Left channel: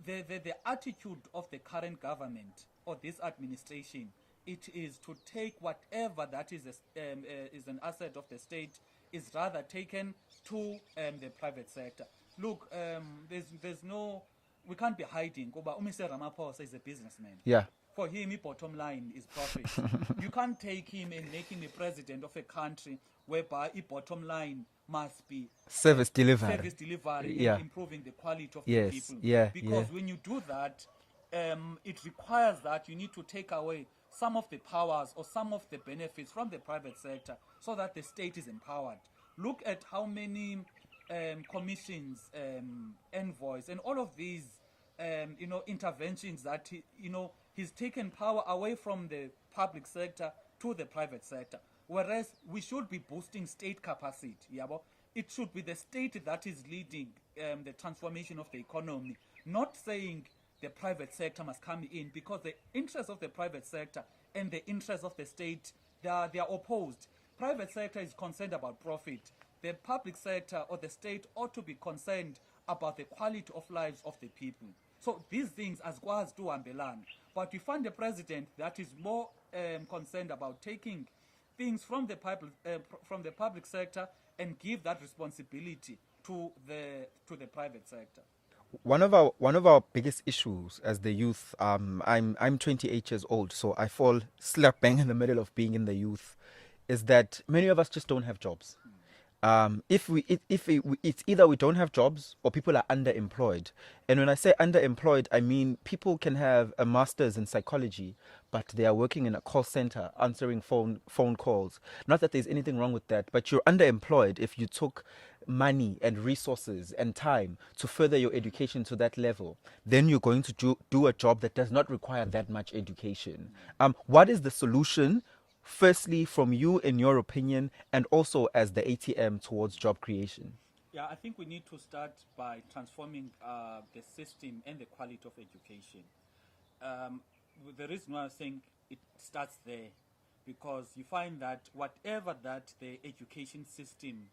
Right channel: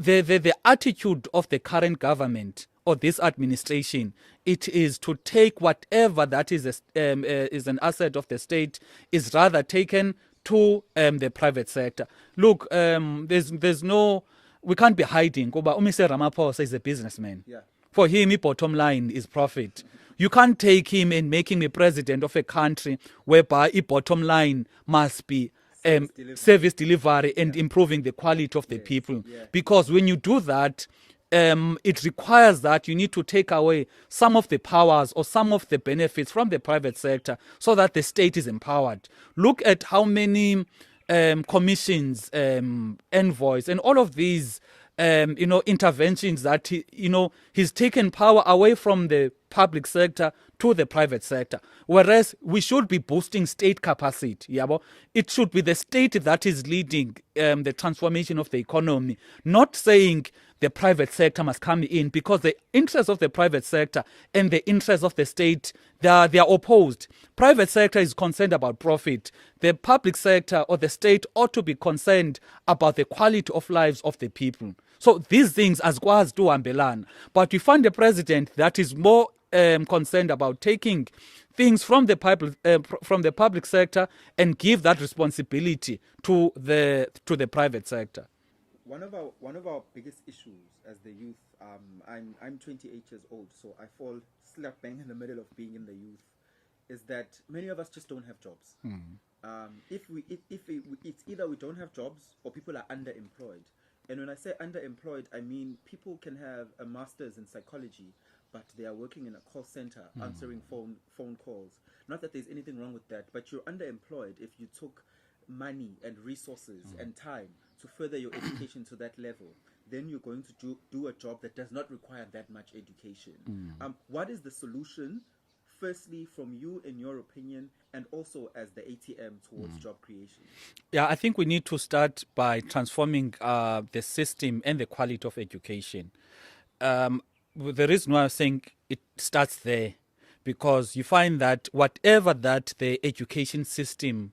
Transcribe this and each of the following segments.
the attitude of the current government or this administration, it is to take whatever that is an asset of the state is rather taken to the private sector. Look, there's no, we can't be hiding. Kuba Umise Ramaphosa is a businessman. Yeah. For him, his bottom line is profit. You can't take him and make him a president of a country whereby his bottom line must be Service delivery and Yeah. improving the quality of the Yes, people. yeah, Because when you do that, it requires that you need to take away some of the powers or some of the benefits from the private sector so that the state is empowered. Look at how many commissions, envoys, and all of these interventions that he's taken power away from the public sector to the private sector. Whereas we should be boosting state capacity. Yabo? It should be the state that is leading the transformation of the economy, not saying the private sector must come in, because the interests of the private sector and the interests of the state, they are opposed. Private sector is concerned about profit. The public sector or the state ought to be concerned about the quality of lives of the people. So these things as quas do ambelan. But we find a president that is more concerned about taking things from the public sector and give that responsibility to the private sector. One of our biggest issues as the youth, I'm 28 years old, so I fall slap bang in the middle of being in the youth, is that many of us just don't have jobs. It's either we don't have jobs or people are underemployed. And when I say underemployed, I mean people can have a master's in psychology, but they are working in a call center answering phone calls. Not that there's anything wrong with that, but you're underemployed if you took money and resources and time to further your education to that level. Then you're going to do a job that does not require that much education. What is the solution? Firstly, from you, in your opinion, and also as the ATM towards job creation? Yeah, I think we need to start by transforming the system and the quality of education. The reason why I'm saying it starts there, because you find that whatever that the education system,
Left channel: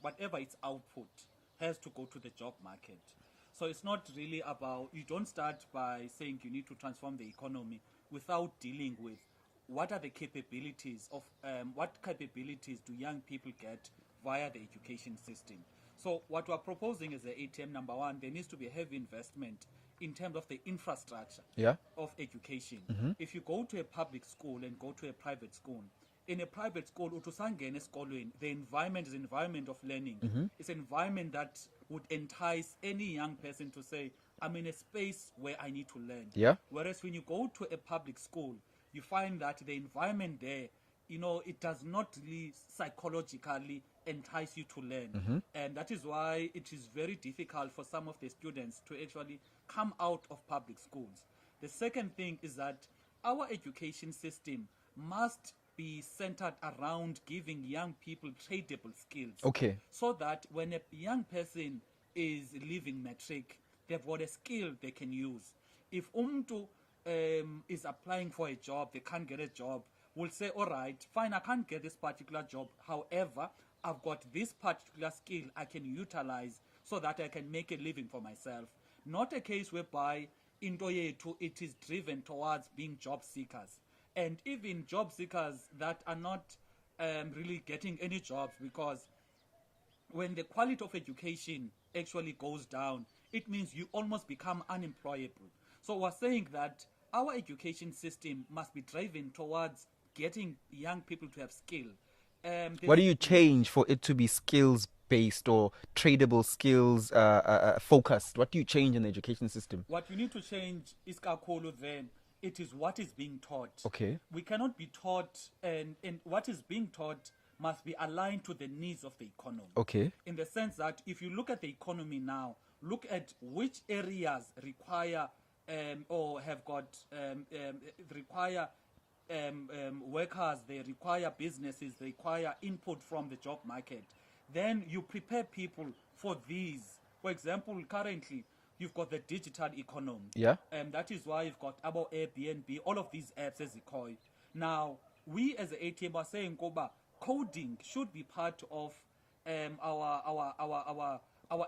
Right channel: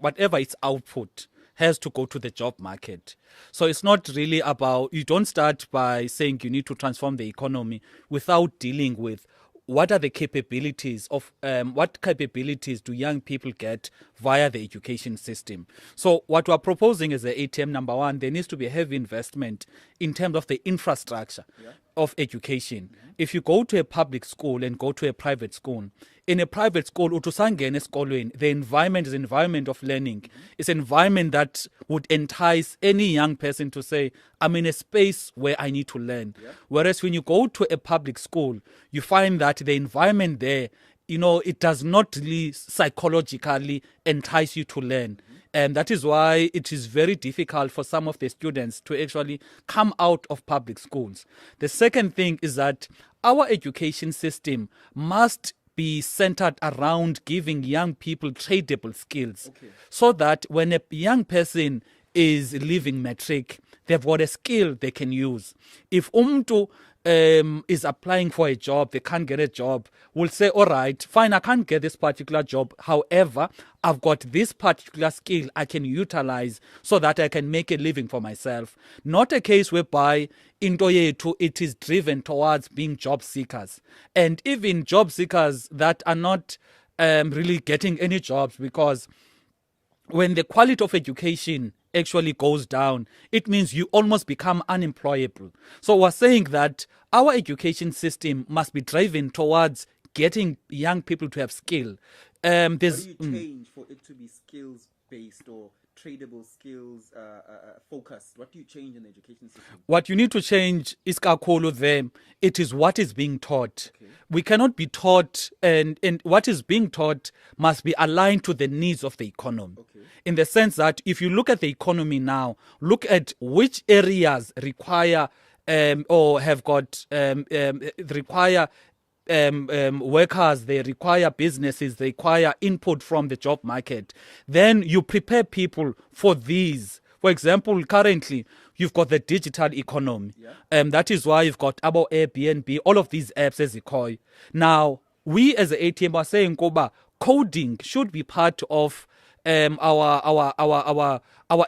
whatever its output, has to go to the job market. So it's not really about, you don't start by saying you need to transform the economy without dealing with what are the capabilities of what capabilities do young people get via the education system. So what we're proposing as the ATM, number one, there needs to be a heavy investment in terms of the infrastructure of education. If you go to a public school and go to a private school, in a private school, the environment is an environment of learning. It's an environment that would entice any young person to say, I'm in a space where I need to learn. Whereas when you go to a public school, you find that the environment there, it does not really psychologically entice you to learn. And that is why it is very difficult for some of the students to actually come out of public schools. The second thing is that our education system must be centered around giving young people tradable skills. So that when a young person is leaving matric, they've got a skill they can use. If umtu is applying for a job, they can't get a job, will say, all right, fine, I can't get this particular job. However, I've got this particular skill I can utilize so that I can make a living for myself. Not a case whereby into it is driven towards being job seekers. And even job seekers that are not really getting any jobs, because when the quality of education actually goes down, it means you almost become unemployable. So we're saying that our education system must be driven towards getting young people to have skill. What do you change for it to be skills based or tradable skills focused? What do you change in the education system? What you need to change is kakolo there. It is what is being taught. We cannot be taught, and what is being taught must be aligned to the needs of the economy. In the sense that if you look at the economy now, look at which areas require or have got require workers, they require businesses, they require input from the job market. Then you prepare people for these. For example, currently, you've got the digital economy. That is why you've got about Airbnb, all of these apps as you call. Now, we as the ATM are saying, Koba, coding should be part of our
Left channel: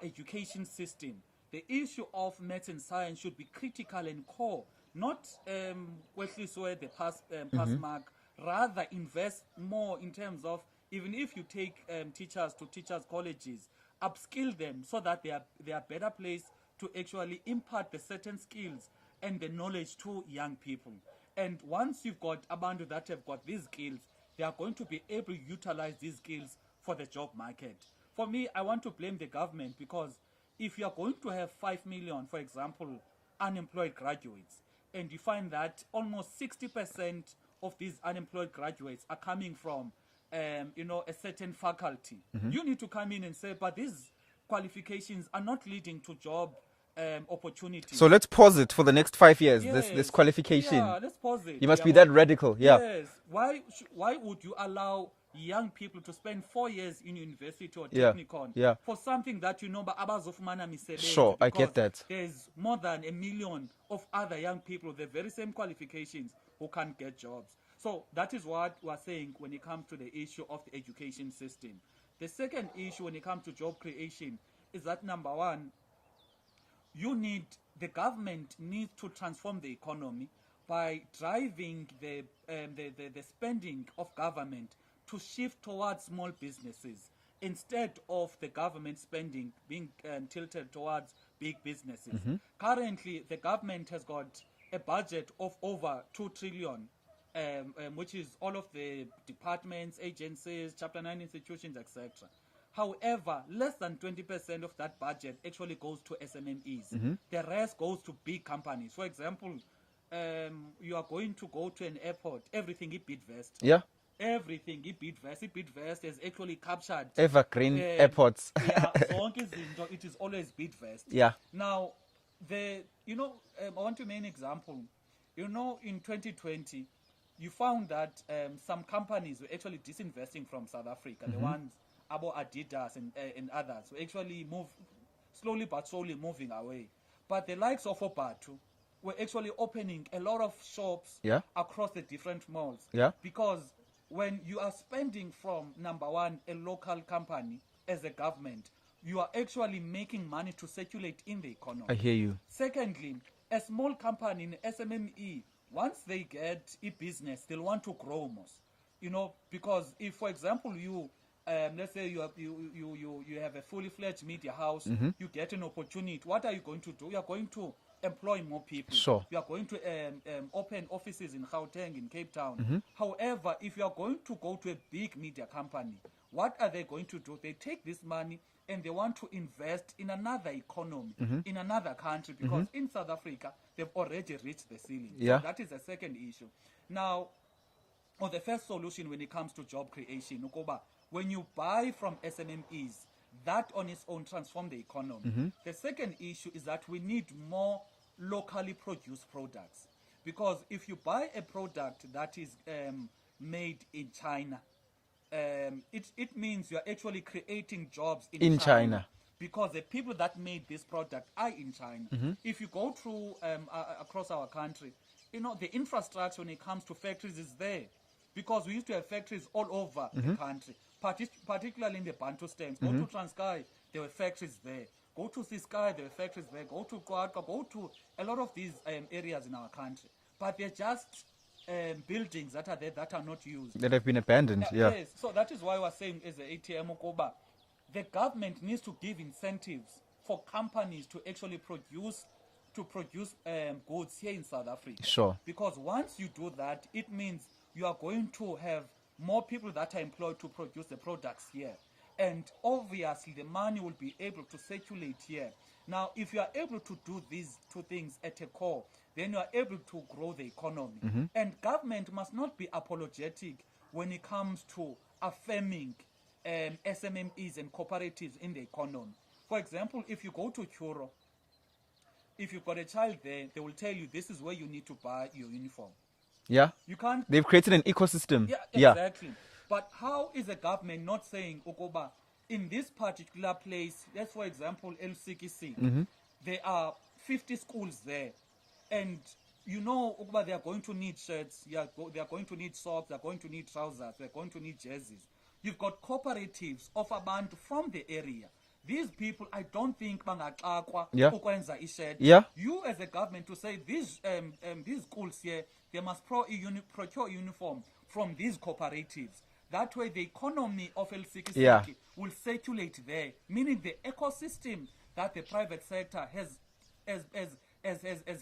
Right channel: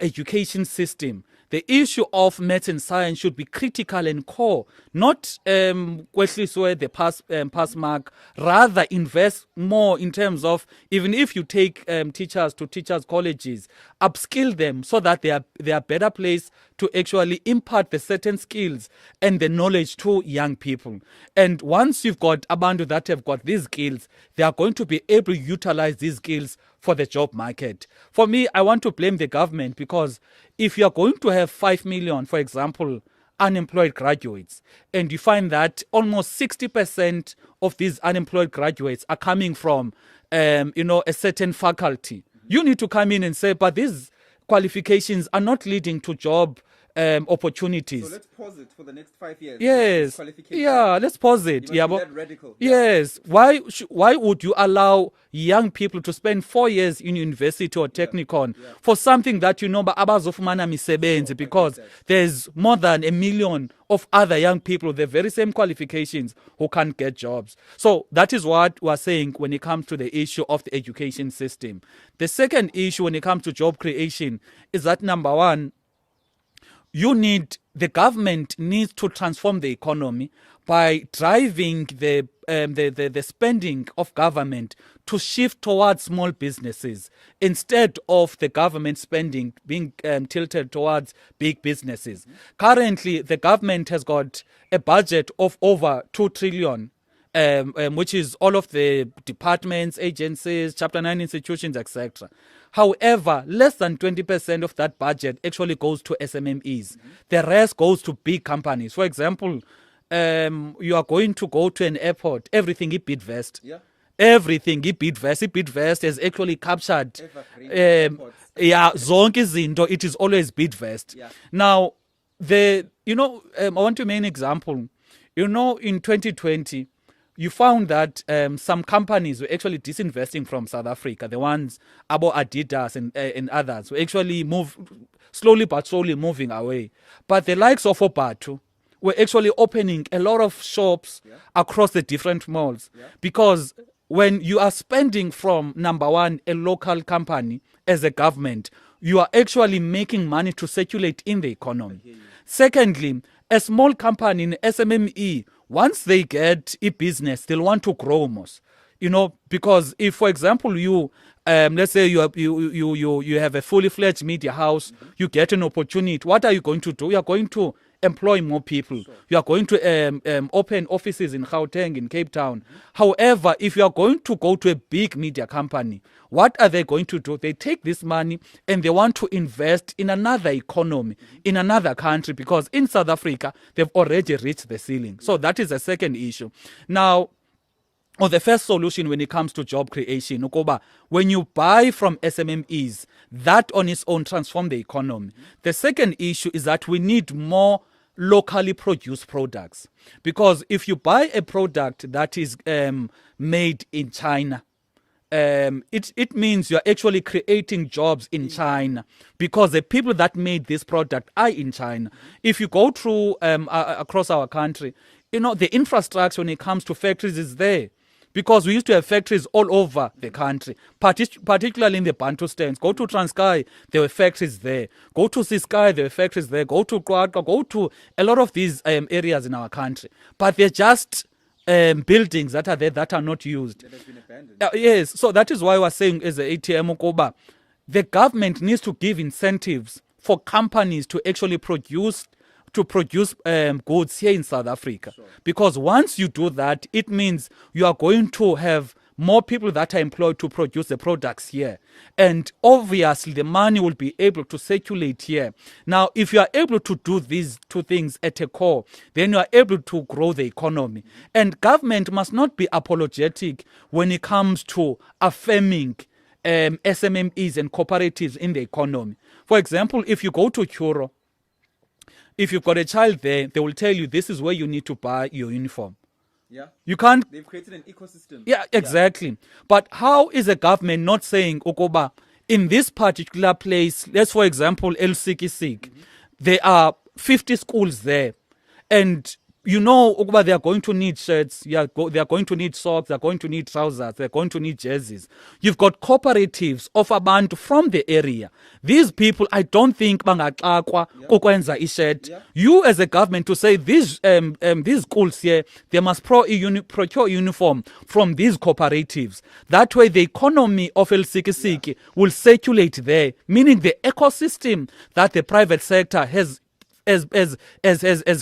education system. the issue of maths and science should be critical and core, not kwehliswe the pass mark. Rather, invest more in terms of, even if you take teachers to teachers colleges, upskill them so that they are better placed to actually impart the certain skills and the knowledge to young people. And once you've got abantu that have got these skills, they are going to be able to utilize these skills for the job market. For me, I want to blame the government, because if you are going to have 5 million, for example, unemployed graduates, and you find that almost 60% of these unemployed graduates are coming from a certain faculty, you need to come in and say, but these qualifications are not leading to job opportunities. So let's pause it for the next 5 years. This qualification. Yeah, let's pause it. You must be that radical. Yeah. Yes. Why would you allow young people to spend 4 years in university or technicon for something that abazofumana misebenzi, because there's more than 1 million of other young people with the very same qualifications who can't get jobs. So that is what we're saying when it comes to the issue of the education system. The second issue when it comes to job creation is that, number one, the government needs to transform the economy by driving the spending of government to shift towards small businesses, instead of the government spending being tilted towards big businesses. Currently, the government has got a budget of over 2 trillion, which is all of the departments, agencies, Chapter 9 institutions, etc. However, less than 20% of that budget actually goes to SMMEs. The rest goes to big companies. For example, you are going to go to an airport, everything is Bidvest. Yeah. Everything is Bidvest. Bidvest has actually captured evergreen airports. Yeah, zonke izinto, it is always Bidvest. Yeah. Now, I want to make an example. In 2020, you found that some companies were actually disinvesting from South Africa. The ones, Abo Adidas and others, were actually slowly but slowly moving away. But the likes of Opatu were actually opening a lot of shops across the different malls. Yeah. Because when you are spending from, number one, a local company as a government, you are actually making money to circulate in the economy. I hear you. Secondly, a small company in SMME, once they get a business, they'll want to grow most. Because if, for example, you let's say you have a fully fledged media house, you get an opportunity. What are you going to do? You are going to employ more people. Sure. You are going to open offices in Gauteng, in Cape Town. However, if you are going to go to a big media company, what are they going to do? They take this money and they want to invest in another economy, in another country, because in South Africa, they've already reached the ceiling. So that is the second issue. Now, or the first solution when it comes to job creation, when you buy from SMMEs, that on its own transform the economy. The second issue is that we need more locally produced products, because if you buy a product that is made in China, it means you're actually creating jobs in China, because the people that made this product are in China. If you go through across our country, the infrastructure when it comes to factories is there. Because we used to have factories all over the country, particularly in the Bantustans. Go to Transkei, there were factories there. Go to Siskai, there were factories there. Go to Kwaka, go to a lot of these areas in our country. But they're just buildings that are there that are not used. That have been abandoned. Yes, so that is why we're saying as the ATM Ukoba, the government needs to give incentives for companies to actually produce goods here in South Africa. Sure. Because once you do that, it means you are going to have more people that are employed to produce the products here. And obviously, the money will be able to circulate here. Now, if you are able to do these two things at a core, then you are able to grow the economy. And government must not be apologetic when it comes to affirming SMMEs and cooperatives in the economy. For example, if you go to Kuro, if you've got a child there, they will tell you this is where you need to buy your uniform. Yeah. You can't. They've created an ecosystem. Yeah, exactly. Yeah. But how is the government not saying, Okoba, in this particular place, let's for example, El Sikisik, there are 50 schools there. And you know ukuba they are going to need shirts, they are going to need socks, they are going to need trousers, they are going to need jerseys. You've got cooperatives of abantu from the area. These people, I don't think bangaxakwa ukwenza i-shirt. You as a government to say these schools here, they must procure uniform from these cooperatives. That way the economy of Elsikisiki will circulate there, meaning the ecosystem that the private sector has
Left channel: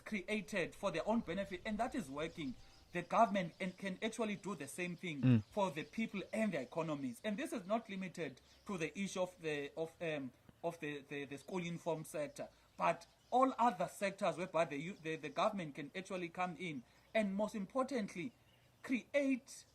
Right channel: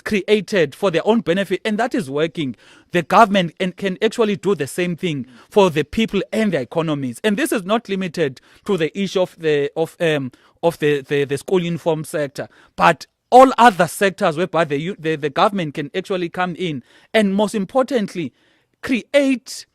created for their own benefit, and that is working. The government can actually do the same thing for the people and their economies. And this is not limited to the issue of the school uniform sector, but all other sectors whereby the government can actually come in and, most importantly, create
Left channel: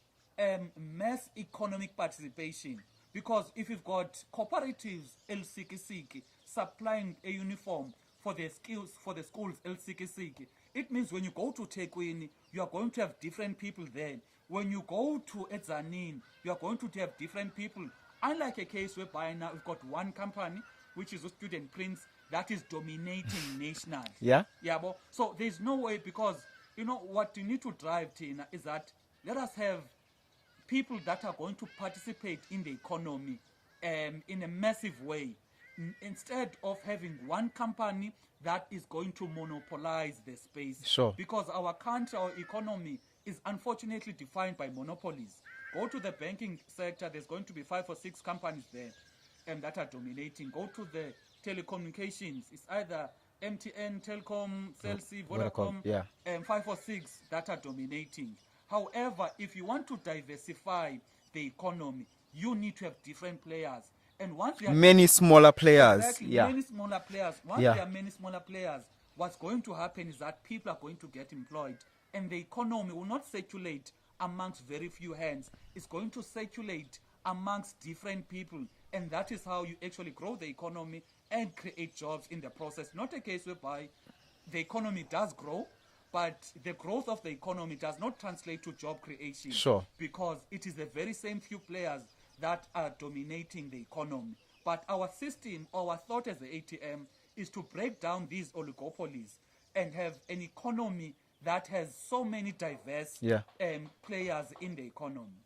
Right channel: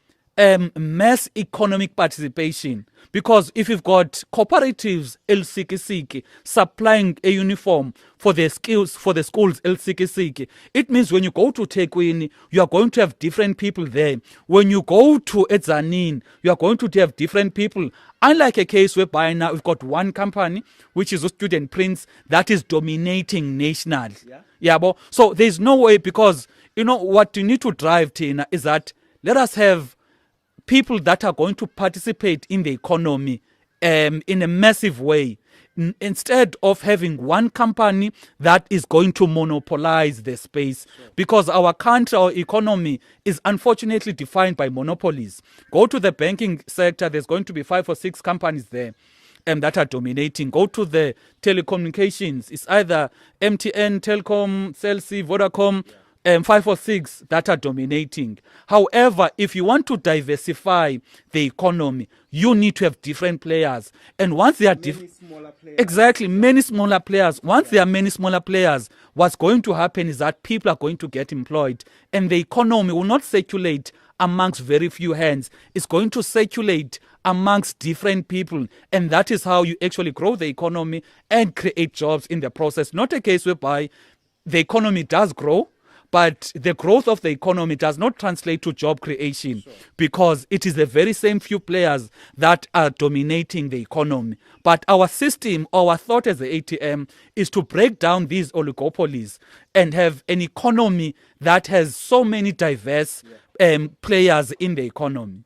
mass economic participation. Because if you've got cooperatives Elsikisiki supplying a uniform for the schools Elsikisiki, it means when you go to Tekwini, you are going to have different people there. When you go to Edzanin, you are going to have different people. Unlike a case whereby now we've got one company, which is a Student Prince, that is dominating nationally. So there's no way, because you know what you need to drive, Tina, is that let us have people that are going to participate in the economy in a massive way, instead of having one company that is going to monopolize the space. Because our country, our economy is unfortunately defined by monopolies. Go to the banking sector, there's going to be 5 or 6 companies there that are dominating. Go to the telecommunications, it's either MTN, Telkom, Cell C, Vodacom, 5 or 6 that are dominating. However, if you want to diversify the economy, you need to have different players. And once there are many smaller players. Exactly, many smaller players. Once there are many smaller players, what's going to happen is that people are going to get employed, and the economy will not circulate amongst very few hands. It's going to circulate amongst different people, and that is how you actually grow the economy and create jobs in the process. Not a case whereby the economy does grow, but the growth of the economy does not translate to job creation, because it is the very same few players that are dominating the economy. But our system, our thought as the ATM, is to break down these oligopolies and have an economy that has so many diverse players in the economy.